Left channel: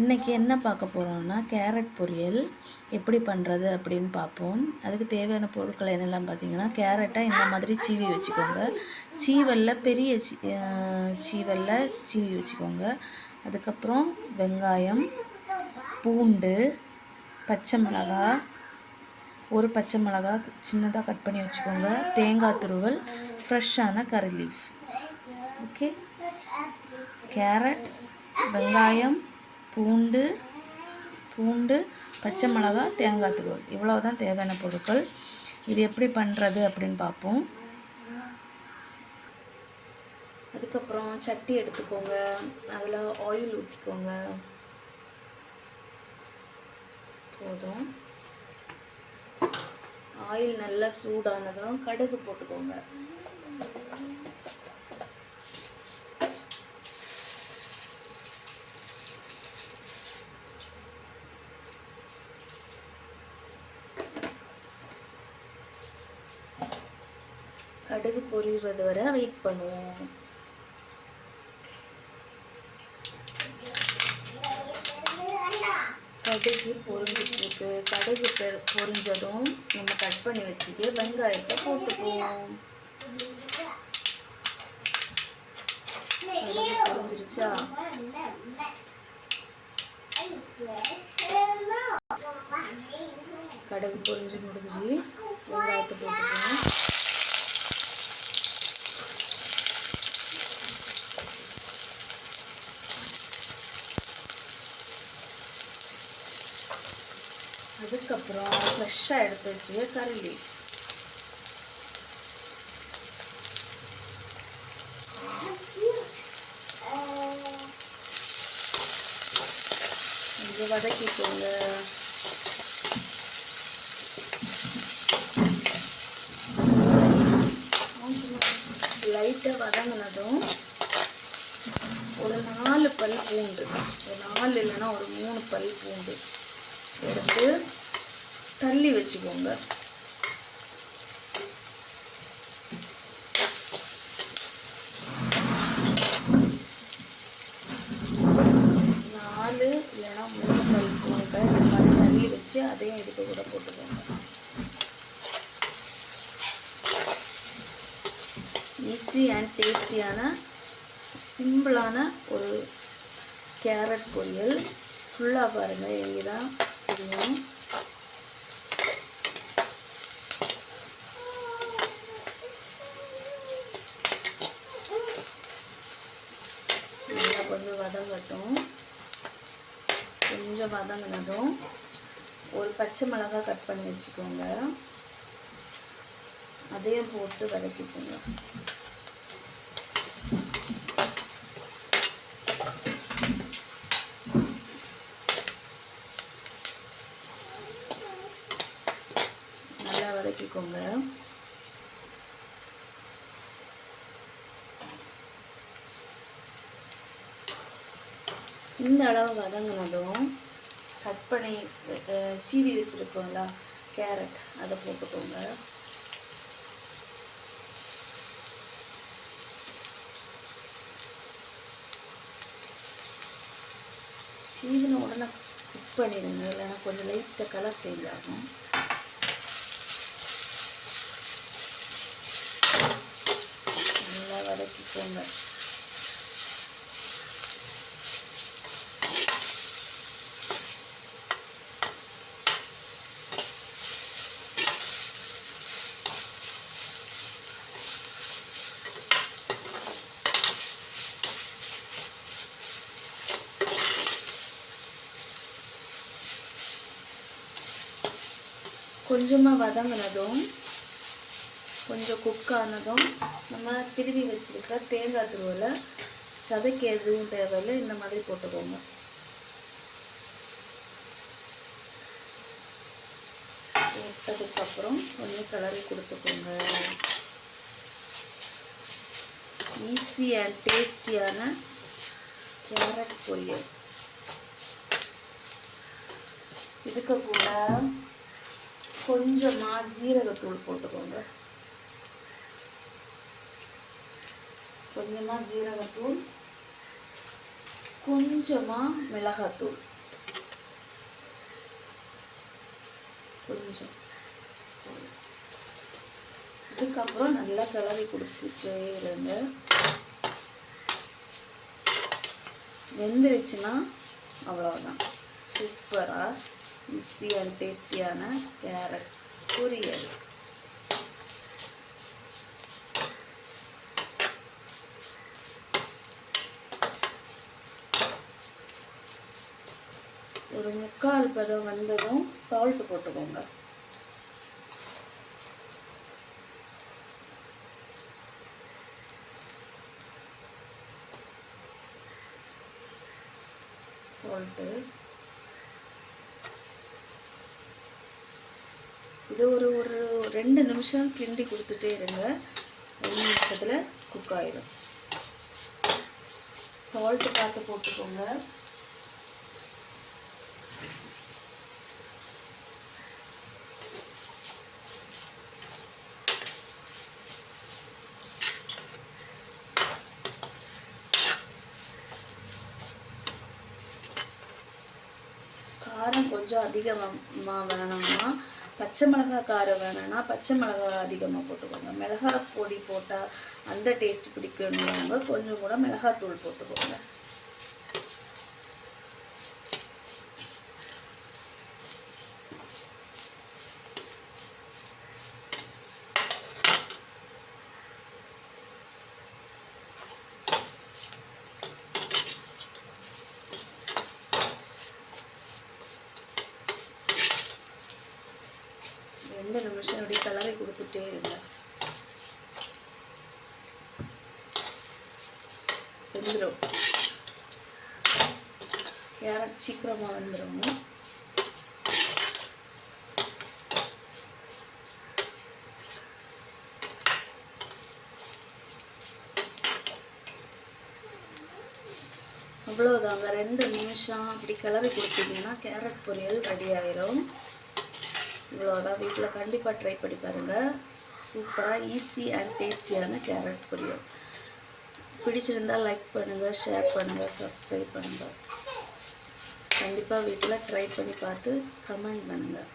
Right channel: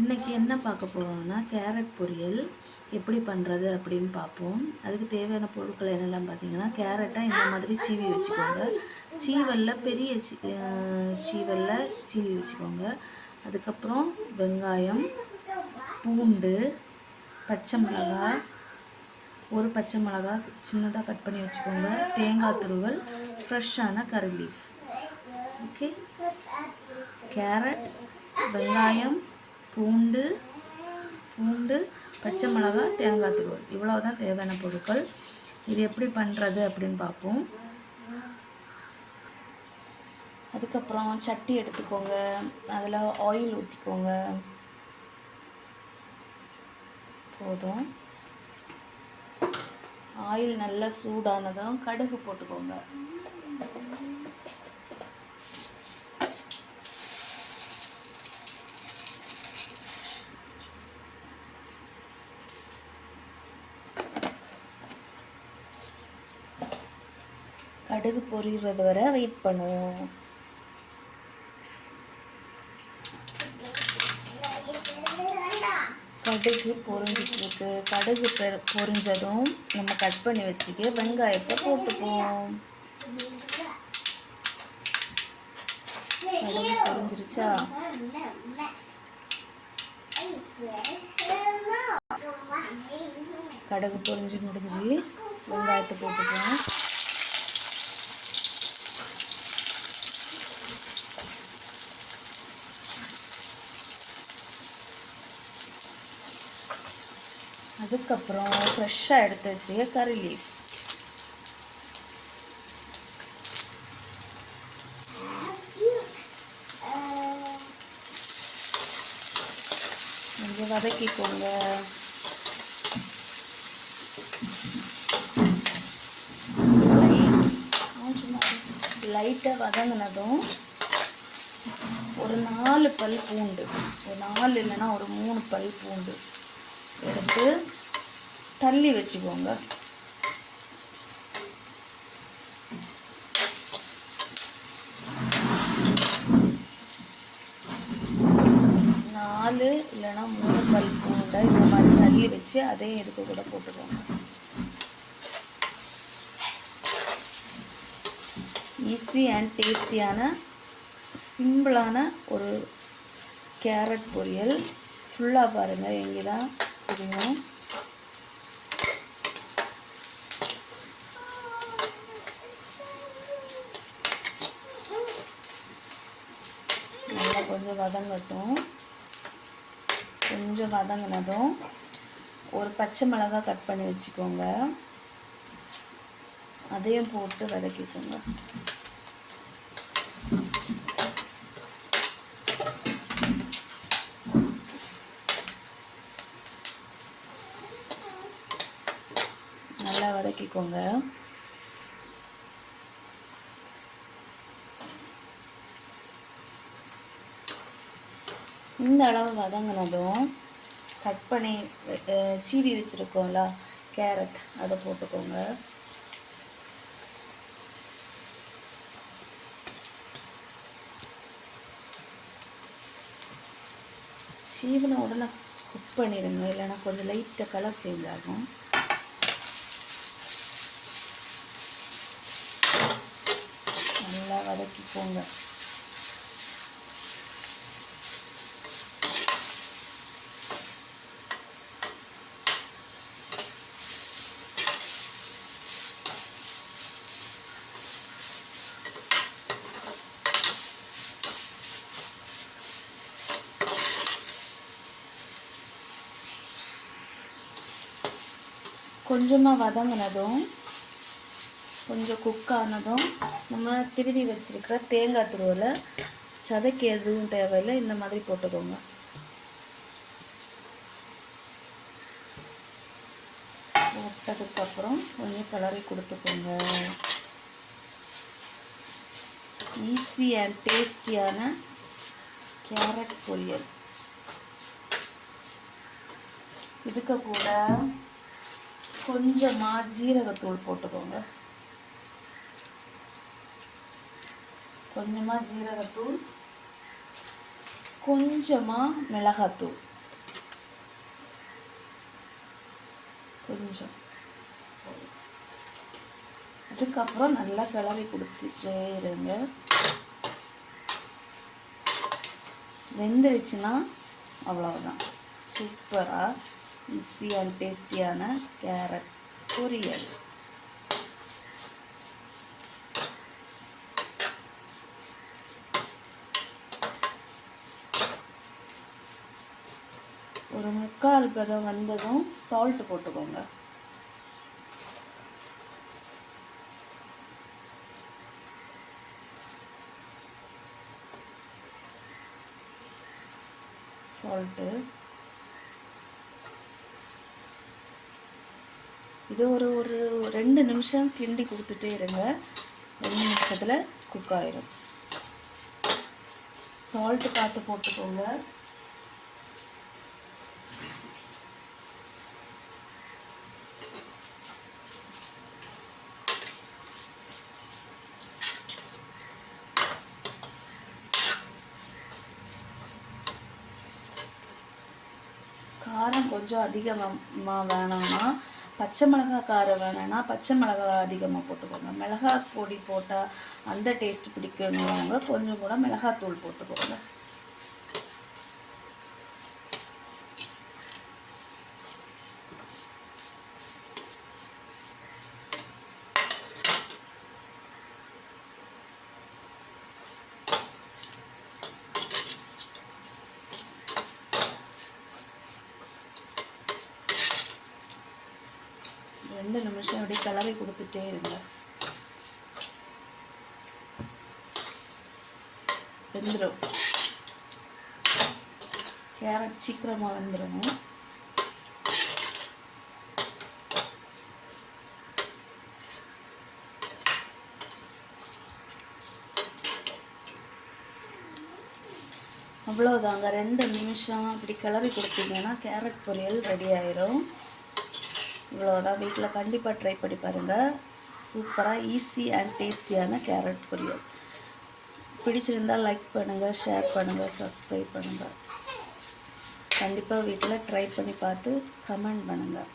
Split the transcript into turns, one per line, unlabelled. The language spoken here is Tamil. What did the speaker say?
இன்றைக்கி என்ன பார்க்க போகிறோம்னா கேரட் பொரியல். எப்படி பண்ணுறது அப்படின்னு பார்ப்போம். அதுக்கு தேவையான பொருட்கள் என்னெல்லாம் பார்த்தீங்கன்னா கேரட்டை இந்த மாதிரி சீவி வச்சுக்கோங்க. சீவலில் பெரிய சீ சீவலில் சீவி வச்சுக்கோங்க. அதுக்கப்புறம் வெங்காயம் பூண்டு பச்சை மிளகாய் ஒரு பச்சை மிளகா சின்னதாக கட் பண்ணி வச்சுக்கோங்க. தேங்காய் துருவல் ஃப்ரெஷ்ஷான கறி லீஃப். ஓகே. கேரட் வெங்காயம் பூண்டு பூண்டு பச்சை மிளகா தேங்காய் துருவல் இவ்வளோ தான் தேவையான பொருட்கள். இது எப்படி பண்ணுறது அப்படின்னு பார்ப்போம். அதுக்கப்புறம் சட்டி எடுத்துக்கோங்க. அதில் ஆயில் ஊற்றிக்கோங்க போதும். ஆயில் நல்லா சூடானதும் கடுகு போட்டுக்கோங்க. கடுகு பொரிகிறது வரை வெயிட் பண்ணுவோம். கடுகு பொரிஞ்சிட்ருக்கு. கடுகு பொரிஞ்சதும் நம்ம கட் பண்ணி வச்சுக்க வெங்காயத்தை போட்டுப்போம். கடுகு பொரிஞ்சிருச்சா? கடுகு பொரிஞ்சு முடிஞ்சு வெங்காயத்தை போட்டுப்போம். அதுக்கப்புறம் ஃப்ரெஷ்ஷாக எடுத்து வச்சுருக்க கறி லீஃப் கொஞ்சம் வதக்கிக்கோங்க. லைட்டாக வதங்கினதும் ஒரு நாலு பல் பூண்டு. ஒரு நாலு இல்லைன்னா ஒரு மூணு பல் பூண்டு. எடுத்து தள்ளி வச்சுக்கோங்க. நாலு இல்லைன்னா மூணு பல் பூண்டை இந்த மாதிரி தள்ளி வச்சு அதையும் இதுக்கு கூட போட்டுக்கோங்க. ஈஸி அண்ட் டேஸ்டியான சிம்பிளான ஒரு கேரட் பொரியல். ஃபுல்லாக பாருங்கள் இங்கே தான் இதுங்க நல்லா கொஞ்சம் வதங்கட்டும். கொஞ்சம் வதங்கினதும் ஒரு பச்சை மிளகாய் கட் பண்ணி வச்சுக்கோங்க. அதையும் போட்டு வதக்கிக்கோங்க. நல்லா இந்த அளவு வதங்கினதும் கட் பண்ணி சீவி வச்சுருக்கோம்ல கேரட் அதை போட்டுக்கோங்க. சீவின உடனே குக் பண்ணிடுங்க இல்லைன்னா கொஞ்சம் லைட்டாக கலர் சேஞ்ச் ஆகும் நல்லா வதக்கிக்கோங்க கொஞ்சமாக வதங்கினதும் கொஞ்சம் குக் ஆனதும் நம்ம திருவி வச்சிருக்கிற தேங்காய் துருவில் சதைக்கு எதுவும் தேவையில்லை இந்த மாதிரி போட்டுக்கோங்க. போட்டதுக்கப்புறம் கொஞ்சம் கிளறி கொடுத்துக்கோங்க. ஈஸி அண்ட் டேஸ்டியான கேரட் பொரியல். இதுக்கு கூட கொஞ்சமாக ஜீரகத்தூள் போட்டுக்கோங்க. கொஞ்சமாக ஜீரகத்தூள் கொஞ்சமாக மிளகாத்தூள். கொஞ்சம். இதுக்கப்புறம் நல்லா கிளறி கொடுத்துட்டே இருங்க வெந்துருச்சுன்னா அவ்வளோதான் சூப்பராக ஈஸியாக டேஸ்டியான கேரட் பொரியல் ஒரு முக்கால் பதம் வந்ததும் சால்ட் போட்டுக்கோங்க. சால்ட்டு இது ஒரு ஒரு ரெண்டு நிமிஷம் கிண்டி கொடுத்துட்டே இருங்க. ரெண்டு நிமிஷத்தில் குக் ஆயிரும். சால்ட்டு பார்த்து போட்டுக்கோங்க காரம் கொஞ்சம் அதிகமாக வேணும்னா பச்சை மிளகாய் காரம் வேணும்னா பச்சை மிளகாய் அதிகமாக போட்டுக்கோங்க. மிளகாய் பொடி போட்டால் அந்த டேஸ்ட் பிடிக்கணுங்க கொஞ்சம் கூட மிளகாத்தூள் போட்டுக்கோங்க. ரெண்டு நிமிஷம் அப்படியே கிளறி கொடுத்துட்டே இருங்க. வெந்துடும் கேரட் சீக்கிரமாக வந்துடும் அவ்வளோதாங்க ரெண்டு நிமிஷம் அப்படி கிளறி கொடுத்தீங்கன்னா கேரட் பொரியல் ரெடி ஆயிரும். இவ்வளோதான். வீட்டில் கண்டிப்பாக ட்ரை பண்ணி பாருங்கள் சூப்பராக ஈஸி அண்ட் டேஸ்டியான கேரட் பொரியல். பிடிச்சிருந்தால் லைக் பண்ணுங்கள் ஷேர் பண்ணுங்கள் சப்ஸ்கிரைப் பண்ணுங்கள் கண்டிப்பாக வீட்டில் ட்ரை பண்ணி பார்த்து கமெண்ட் பண்ணுங்கள்